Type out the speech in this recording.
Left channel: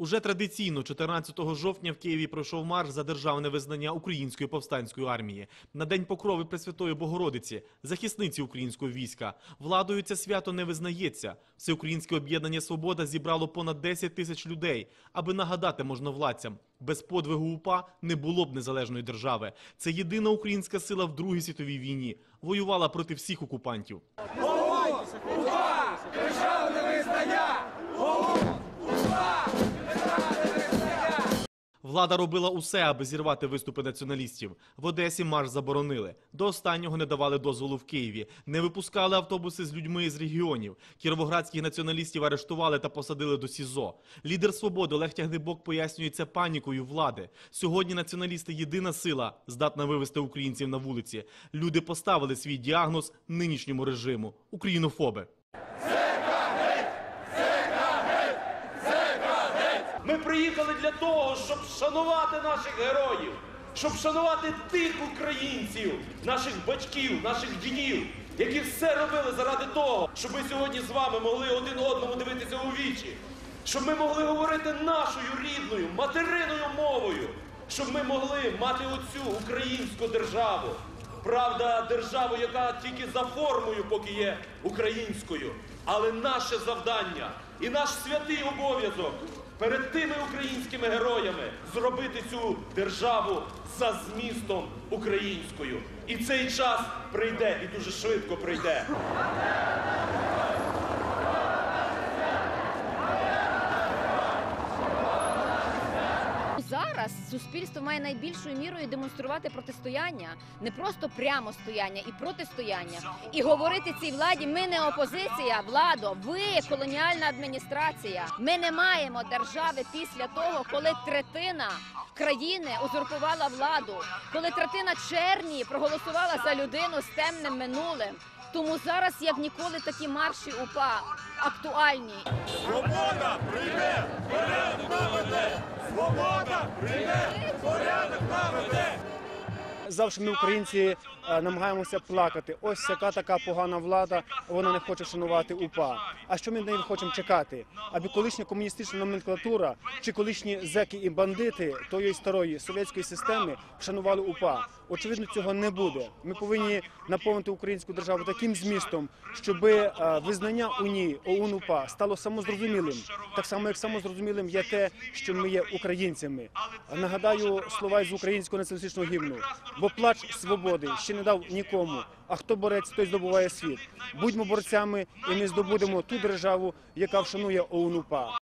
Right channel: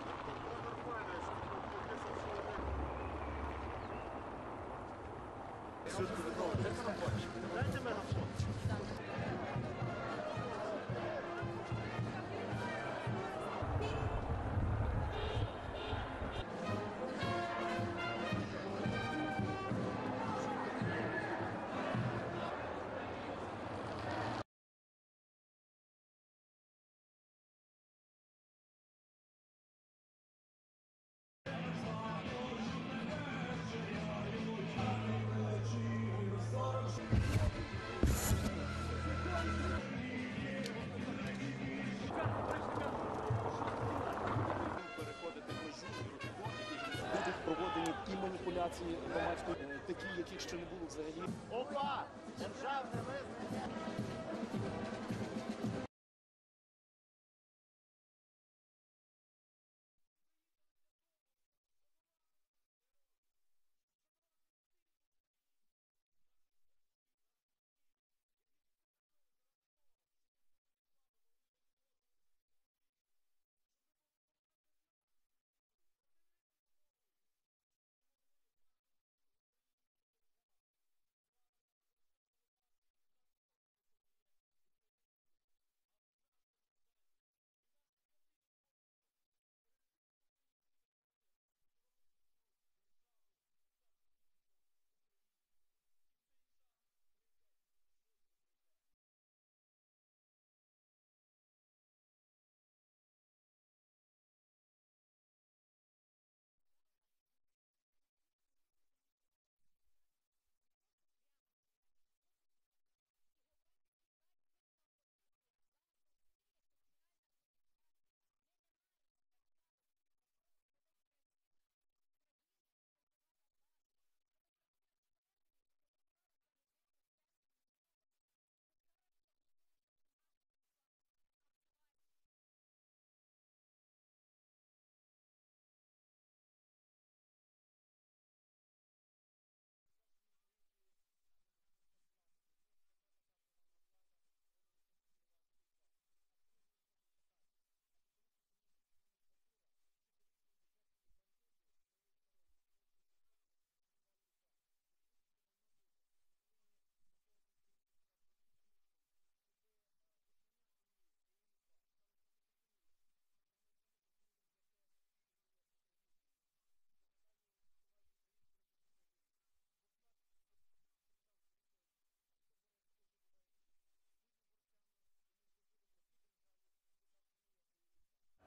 Уже традиційно 14 жовтня в Києві пройшов марш за державне визнання української повстанської армії. На день покрови Пресвятої Богородиці, захисниці українського війська. Владою це свято не визнається. Всеукраїнське об'єднання Свобода зібрало понад 10 тисяч людей, аби нагадати можновладцям, без подвигу УПА не було б незалежної держави. Це єдина українська сила в Другій світовій війні. Воювала проти всіх окупантів. Влада робила усе, аби зірвати виступи націоналістів. В Одесі марш заборонили. До останнього не давали дозволу в Києві. Не випускали автобуси з людьми з регіонів. Кіровоградських націоналістів арештували та посадили до СІЗО. Лідер свободи Олег Тягнибок пояснює це панікою влади. Сьогодні націоналісти єдина сила, здатна вивести українців на вулиці. Люди поставили свій діагноз нинішньому режиму українофоби. Ми приїхали для того, щоб шанувати наших героїв, щоб шанувати тих українців, наших батьків, наших дідів, які все робили заради того, щоб ми сьогодні з вами могли один одному дивитися у вічі, щоб ми могли говорити нашою рідною, материною мовою, щоб ми могли мати оцю українську державу. Правда, державу, яка тільки за формою поки є українською. Але наше завдання і наш святий обов'язок перед тими українськими героями зробити цю державу за змістом українською. І цей час прийде, і дуже швидко прийде. Зараз суспільство має найбільшою мірою демонструвати протистояння, не просто прямо стояння і протистояння. І говорити цій владі: ми не опозиція, владо, ви колоніальна адміністрація. Ми не маємо держави після того, коли третина країни узурпувала владу, коли третина черні проголосувала за людину з темним минулим. Тому зараз, як ніколи, такі марші УПА актуальні. Свобода прийде! Свобода прийде, порядок наведе! Завжди ми, українці, е, намагаємося плакати. Ось яка така погана влада, вона не хоче шанувати УПА. А що ми неї хочемо чекати? Аби колишня комуністична номенклатура чи колишні зеки і бандити тої старої совєтської системи шанували УПА. Очевидно, цього не буде. Ми повинні наповнити українську державу таким змістом, щоб визнання у ній ОУН УПА стало самозрозумілим. Так само, як самозрозумілим є те, що ми є українцями. Нагадаю слова із українського націоналістичного гімну. Бо плач свободи ще не дав нікому. А хто борець, той здобуває світ. Будьмо борцями, і ми здобудемо ту державу, яка вшанує ОУН УПА.